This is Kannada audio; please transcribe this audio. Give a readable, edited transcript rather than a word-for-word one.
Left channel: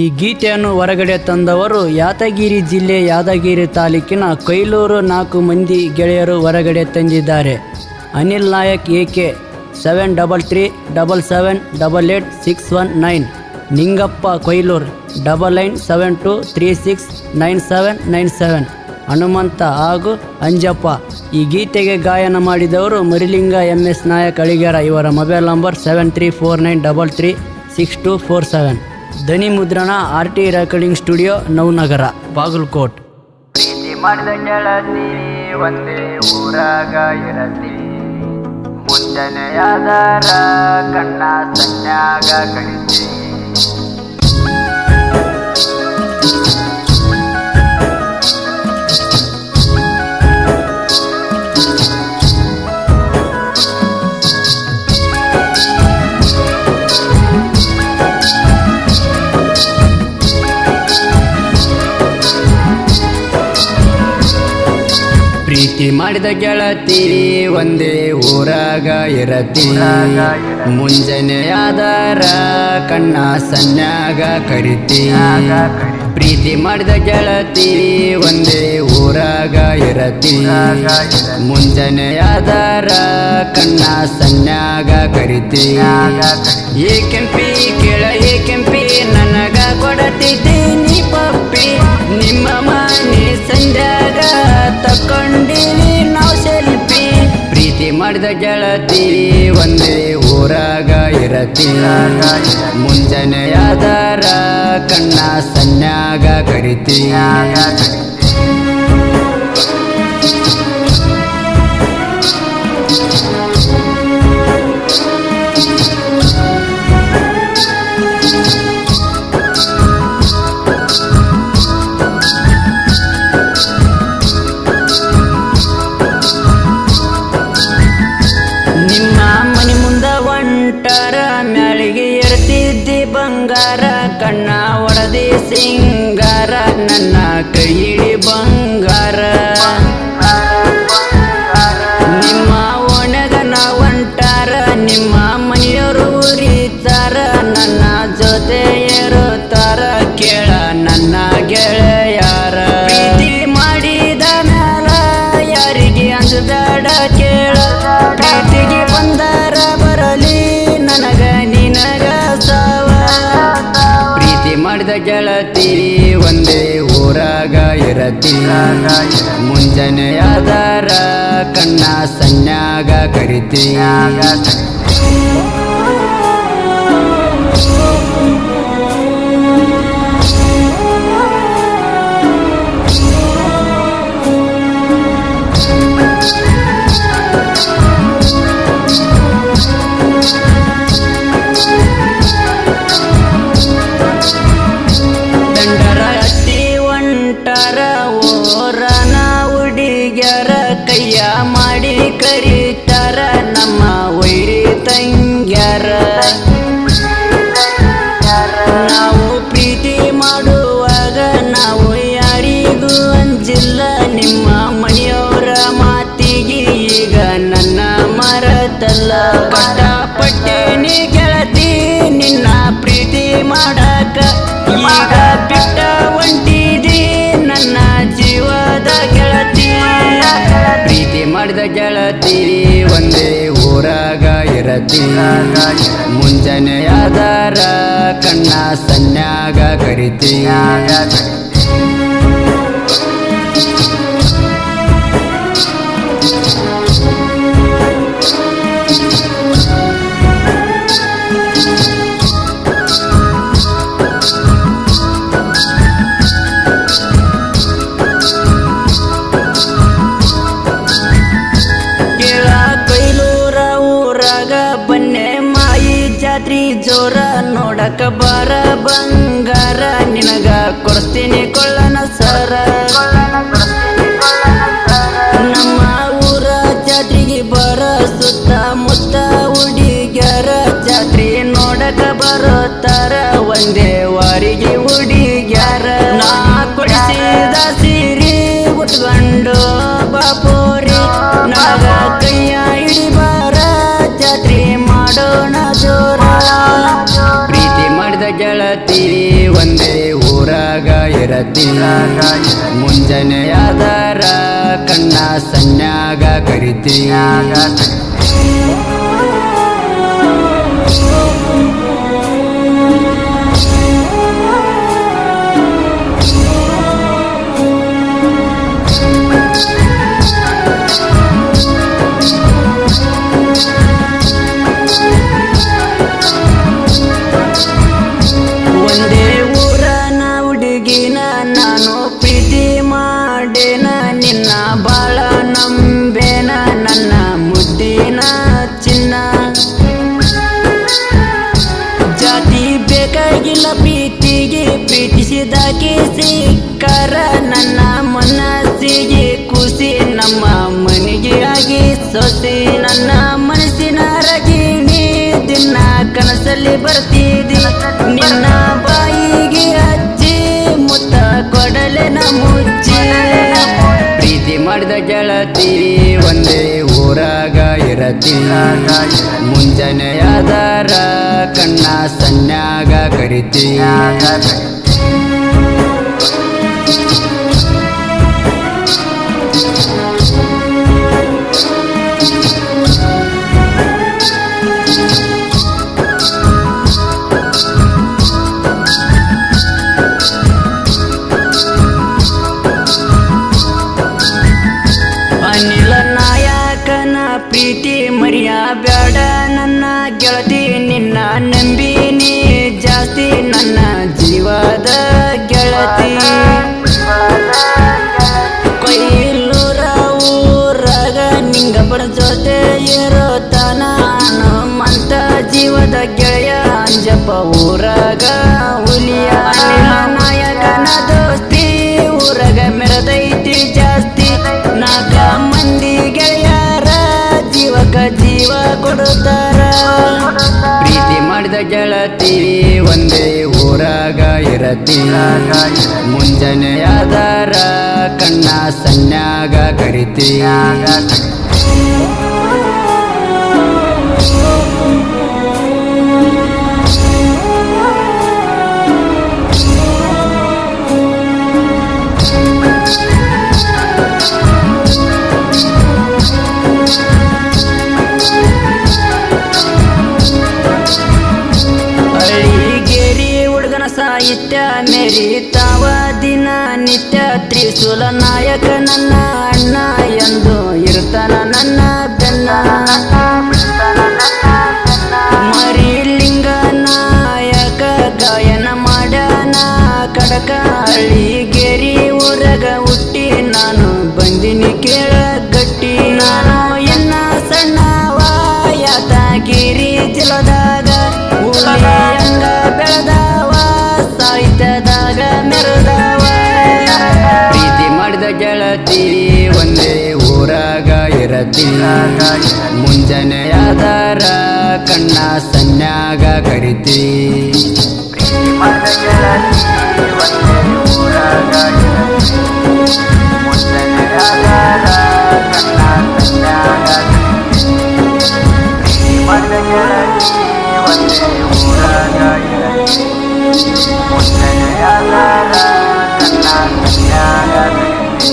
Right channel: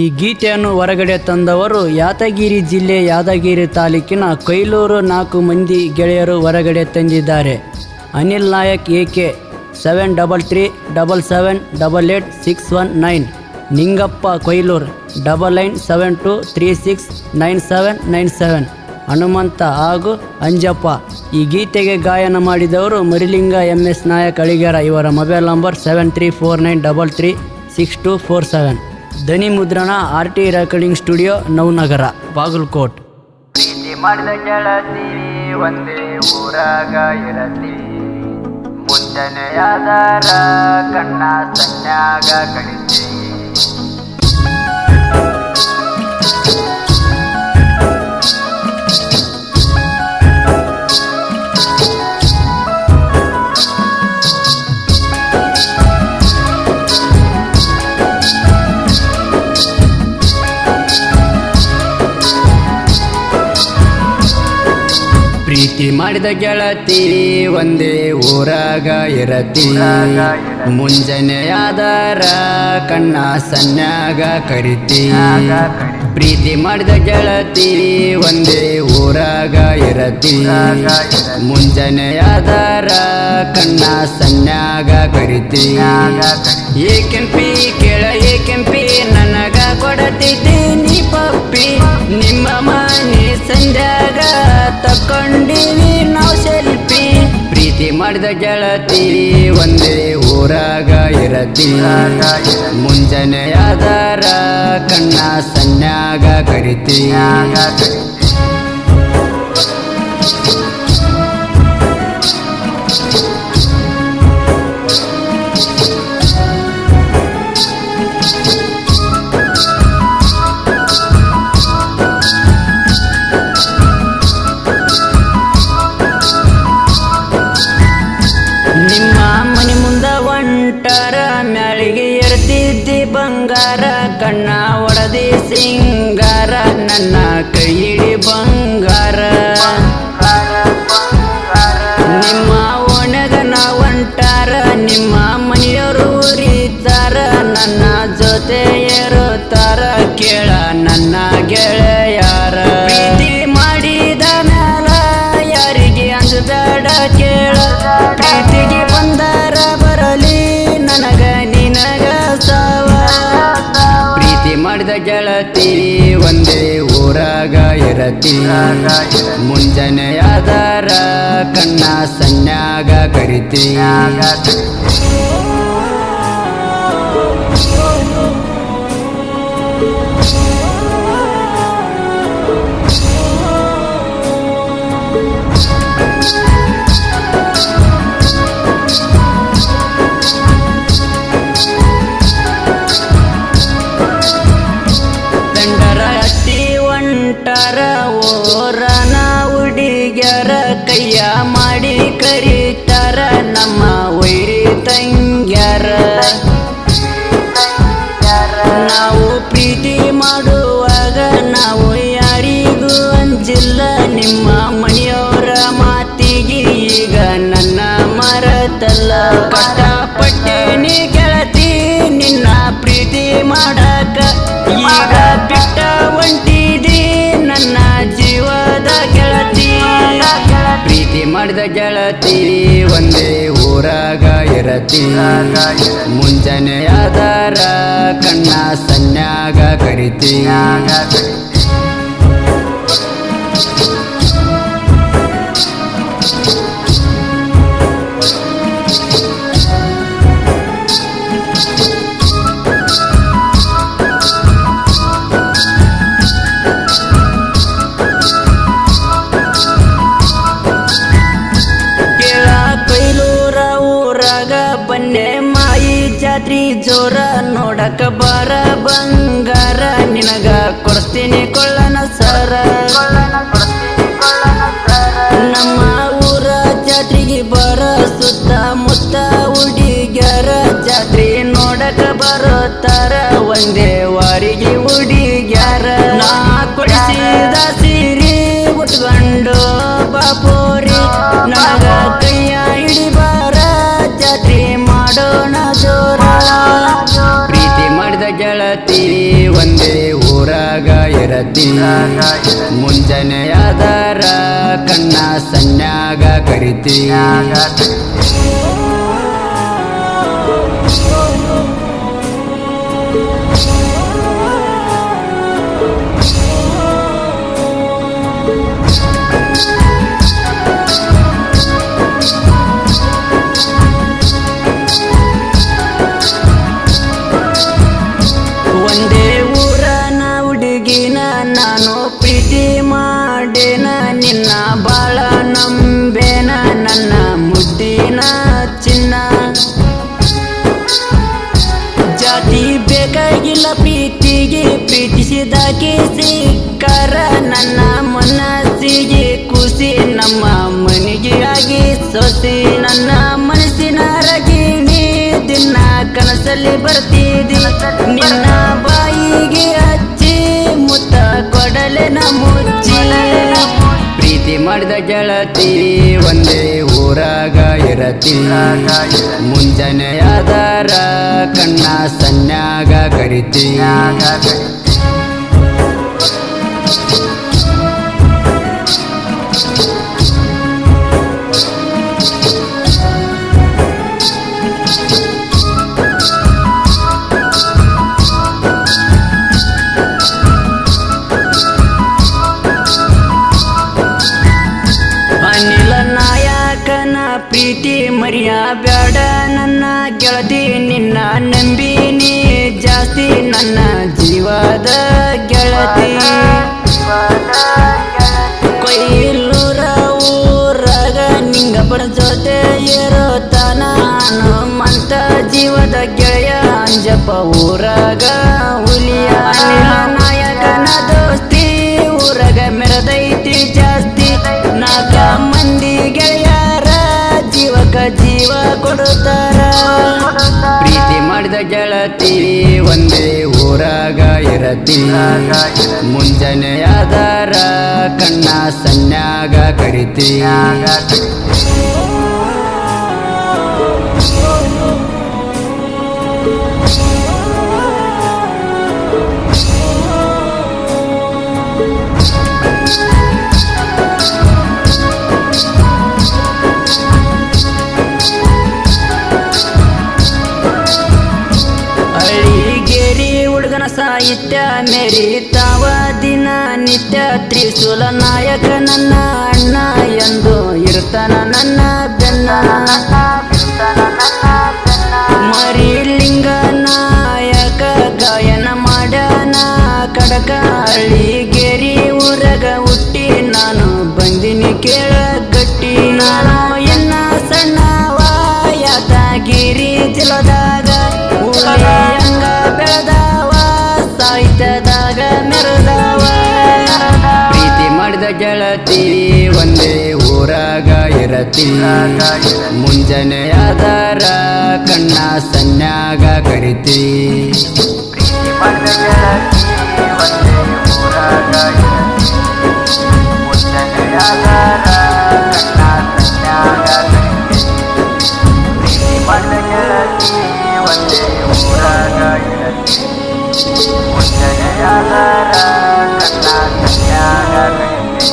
ಈ ಗೀತೆಯನ್ನು ಹೊರಗಡೆ ತಂದವರು ಯಾದಗಿರಿ ಜಿಲ್ಲೆ ಯಾದಗಿರಿ ತಾಲೂಕಿನ ಕೊಯ್ಲೂರು 4 ಮಂದಿ ಗೆಳೆಯರು ಹೊರಗಡೆ ತಂದಿದ್ದಾರೆ. ಅನಿಲ್ ನಾಯಕ್ AK 7337788619, ನಿಂಗಪ್ಪ ಕೊಯ್ಲೂರು 9972369797, ಹನುಮಂತ ಹಾಗೂ ಅಂಜಪ್ಪ. ಈ ಗೀತೆಗೆ ಗಾಯನ ಮಾಡಿದವರು ಮರಿಲಿಂಗ MS ನಾಯಕ್ ಅಳಿಗೆರ. ಇವರ ಮೊಬೈಲ್ ನಂಬರ್ 7349336247. ಧ್ವನಿ ಮುದ್ರಣ RT recording studio, Navanagar, Bagalkot. ಪ್ರೀತಿ ಮಾಡಿದ ಗೆಳತಿ ಒಂದೇ ಊರಾಗ ಇರತಿ, ಮುಂಜಾನೆಯಾದರ ಕಣ್ಣ ಸನ್ಯಾಗ ಕಳಿಸಿ. ಪ್ರೀತಿ ಮಾಡಿದ ಗೆಳತಿ ಒಂದೇ ಊರಾಗ ಇರತಿ, ಮುಂಜಾನೆಯಾದರ ಕಣ್ಣ ಸನ್ಯಾಗ ಕರಿತಿ. ಪ್ರೀತಿ ಮಾಡಿದ ಗೆಳತಿ ಒಂದೇ ಊರಾಗ ಇರತಿ, ಮುಂಜಾನೆಯಾದರ ಕಣ್ಣ ಸನ್ಯಾಗ ಕರಿತಿ. ಏಕೆಂಪಿ ಕೇಳ ಏಕೆಂಪಿ ನನಗ ಕೊಡತಿದ್ದೀನಿ ಪಪ್ಪಿ, ನಿಮ್ಮ ಮನೆ ಸಂಧ್ಯಾಗ ತಕೊಂಡಿವಿ ನಾವು ಸೆಲ್ಫಿ. ಪ್ರೀತಿ ಮಾಡಿದ ಗೆಳತಿ ಒಂದೇ ಊರಾಗ ಇರತಿ, ಮುಂಜಾನೆಯಾದರ ಕಣ್ಣ ಸನ್ಯಾಗ ಕರಿತಿ. ನಿಮ್ಮ ಮನೆ ಮುಂದ ಒಂಟರ ಮ್ಯಾಳಿಗೆ ಇರ್ತಿದ್ದಿ ಬಂಗಾರ, ಕಣ್ಣ ಒಡದಿ ಸಿಂಗಾರ ನನ್ನ ಕೈ ಹಿಡಿ ಬಂಗಾರ. ನಿಮ್ಮ ಒಣಗ ನಾ ಒಂಟಾರ ನಿಮ್ಮ ಮನೆಯವರು ಉರಿತಾರ, ನನ್ನ ಜೊತೆ ಇರುತ್ತಾರ ಕೇಳ ನನ್ನ ಗೆಳೆಯಾರ. ಪ್ರೀತಿ ಮಾಡಿದ ಮ್ಯಾಲ ಯಾರಿಗೆ ಅಂಜಬೇಡ ಕೇಳ, ಪ್ರೀತಿಗೆ ಬಂದಾರ ಬರಲಿ ನನಗ ನಿನಗ ಸಾವ. ಪ್ರೀತಿ ಮಾಡಿದ ಗೆಳತಿ ಒಂದೇ ಊರಾಗ ಇರತಿ, ಮುಂಜಾನೆಯಾದರ ಕಣ್ಣ ಸನ್ಯಾಗ ಕರಿತಿ. ಒಂಟರ ಓರನ ಹುಡುಗ್ಯಾರ ಕೈಯ ಮಾಡಿ ಕರೀತಾರ ನಮ್ಮ ವೈರಿ ತಂಗ್ಯಾರ. ನಾವು ಪ್ರೀತಿ ಮಾಡುವಾಗ ನಾವು ಯಾರಿಗೂ ಅಂಜಿಲ್ಲ, ನಿಮ್ಮ ಮನೆಯವರ ಮಾತಿಗೆ ಈಗ ನನ್ನ ಮರತಲ್ಲ. ಕಷ್ಟಪಟ್ಟೇನಿ ಗೆಳತಿ ನಿನ್ನ ಪ್ರೀತಿ ಮಾಡಾಕ, ಈಗ ಬಿಟ್ಟ ಒಂಟಿದಿ ನನ್ನ ಜೀವದ ಗೆಳತಿ. ಪ್ರೀತಿ ಮಾಡಿದ ಗೆಳತಿ ಒಂದೇ ಊರಾಗ ಇರತಿ, ಮುಂಜಾನೆಯಾದರ ಕಣ್ಣ ಸನ್ಯಾಗ ಕರಿತಿ. ಕೊಯ್ಲೂರ ಊರಾಗ ಬನ್ನೆ ಮಾಯಿ ಜಾತ್ರಿ ಜೋರ, ನೋಡಕ ಬಾರ ಬಂಗಾರ ನಿನಗ ಕೊಡ್ತೀನಿ ಕೊಳ್ಳನ ಸರ. ನಮ್ಮ ಊರ ಜಾತ್ರೆಗೆ ಬರ ಸುತ್ತ ಮುತ್ತ ಹುಡುಗ್ಯಾರ, ಜಾತ್ರೆ ನೋಡಕ ಬರುತ್ತಾರ ಒಂದೇ ವಾರಿಗೆ ಹುಡುಗ್ಯಾರ. ನಾ ಕೊಡಿಸಿದ ಸೀರೆ ಉಟ್ಕೊಂಡು ಬಾಪೋರಿ ನನಗ ಕೈಯ ಹಿಡಿಬಾರ, ಜಾತ್ರೆ ಮಾಡೋಣ ಜೋರ. ಪ್ರೀತಿ ಮಾಡಿದ ಗೆಳತಿ ಒಂದೇ ಇರತಿ ಮುಂಜಾನೆಯಾದರ ಕಣ್ಣ ಸನ್ಯಾಗ ಕರಿತಿ ಒಂದೇ ಊರನ ಹುಡುಗಿನ ನಾನು ಪ್ರೀತಿ ಮಾಡೇನ ನಿನ್ನ ಬಾಳ ನಂಬೇನ ನನ್ನ ಮುದ್ದಿನ ಚಿನ್ನ ಜಾತಿ ಬೇಕಾಗಿಲ್ಲ ಪ್ರೀತಿಗೆ ಪ್ರೀತಿಸಿದಾಕೆ ಸಿಕ್ಕಾರ ನನ್ನ ಮನಸ್ಸಿಗೆ ಖುಷಿ ನಮ್ಮ ಮನೆಗೆ ಆಗಿ ಸೊಸಿ ನನ್ನ ಮನಸ್ಸಿನ ರಗಿಣಿ ದಿನ ಕನಸಲ್ಲಿ ಬರ್ತಿದ್ದಿ ನಿನ್ನ ಬಾಯಿಗೆ ಹಚ್ಚಿ ಮುತ್ತ ಕೊಡಲೆನ ಮುಚ್ಚಿ ಪ್ರೀತಿ ಮಾಡಿದ ಗೆಳತಿ ಒಂದೇ ಊರಾಗ ಇರತಿ ಮುಂಜಾನೆಯಾದರ ಕಣ್ಣ ಸನ್ಯಾಗ ಕರಿತಿ ಅನಿಲ ನಾಯಕನ ಪ್ರೀತಿ ಮರಿಯ ಬ್ಯಾಡ ನನ್ನ ಗೆಳತಿ ನಿನ್ನ ನಂಬಿನಿ ಜಾಸ್ತಿ ನನ್ನ ಜೀವದ ಗೆಳತಿ ಕೊಯ್ಲೂರ ಊರಾಗ ನಿಂಗಪ್ಪನ ಜೊತೆ ಇರೋತನ ಹನುಮಂತ ಜೀವದ ಗೆಳೆಯ ಅಂಜಪ್ಪ ಊರಾಗ ಹುಲಿಯ ಅನಿಲ ನಾಯಕನ ದೋಸ್ತಿ ಊರಾಗ ಮೆರದೈತಿ ಜಾಸ್ತಿ ನಾಲ್ಕ ಮಂದಿ ಗೆಳೆಯರ ಜೀವಕ ಜೀವ ಕೊಡುತ್ತಾರ ಪ್ರೀತಿ ಮಾಡಿದ ಗೆಳತಿ ಒಂದೇ ಊರಾಗ ಇರತಿ ಮುಂಜಾನೆಯಾದರ ಕಣ್ಣ ಸನ್ಯಾಗ ಕರಿತಿ ಹಳ್ಳಿಗೇರಿ ಹುಡುಗನ ಸಾಹಿತ್ಯ ಮೆರಿತಾವ ದಿನ ನಿತ್ಯ ತ್ರಿಶೂಲ ನಾಯಕ ನನ್ನ ಅಣ್ಣ ಎಂದು ಇರ್ತಾನ ನನ್ನ ಬೆನ್ನ ಮರಿಲಿಂಗ ನಾಯಕ ಗಾಯನ ಮಾಡ್ಯಾನ ಕಡಕ ಹಳ್ಳಿಗೇರಿ ಊರಾಗ ಹುಟ್ಟಿ ನಾನು ಬಂದಿನಿ ಕೇಳ ಗಟ್ಟಿ ನಾನು ಎನ್ನ ಸಣ್ಣವ ಯಾದಗಿರಿ ಜಿಲ್ಲದಾಗ ಹಂಗ ಬೆಳೆದವ ಸಾಹಿತ್ಯದಾಗ ಮೆರೆದವ ಪ್ರೀತಿ ಮಾಡಿದ ಗೆಳತಿ ಒಂದೇ ಊರಾಗ ಇರತಿ ಮುಂಜಾನೆಯಾದರ ಕಣ್ಣ ಸನ್ಯಾಗ ಕರಿತಿ ಪ್ರೀತಿ ಮಾಡಿದ ಗೆಳತಿ ಒಂದೇ ಊರಾಗ ಇರತಿ ಮುಂಜಾನೆಯಾದರ ಕಣ್ಣ ಸನ್ಯಾಗ ಕರಿತಿ ಪ್ರೀತಿ ಮಾಡಿದ ಗೆಳತಿ ಒಂದೇ ಊರಾಗ ಇರತಿ ಮುಂಜಾನೆಯಾದರ ಕಣ್ಣ ಸನ್ಯಾಗ ಕರಿತಿ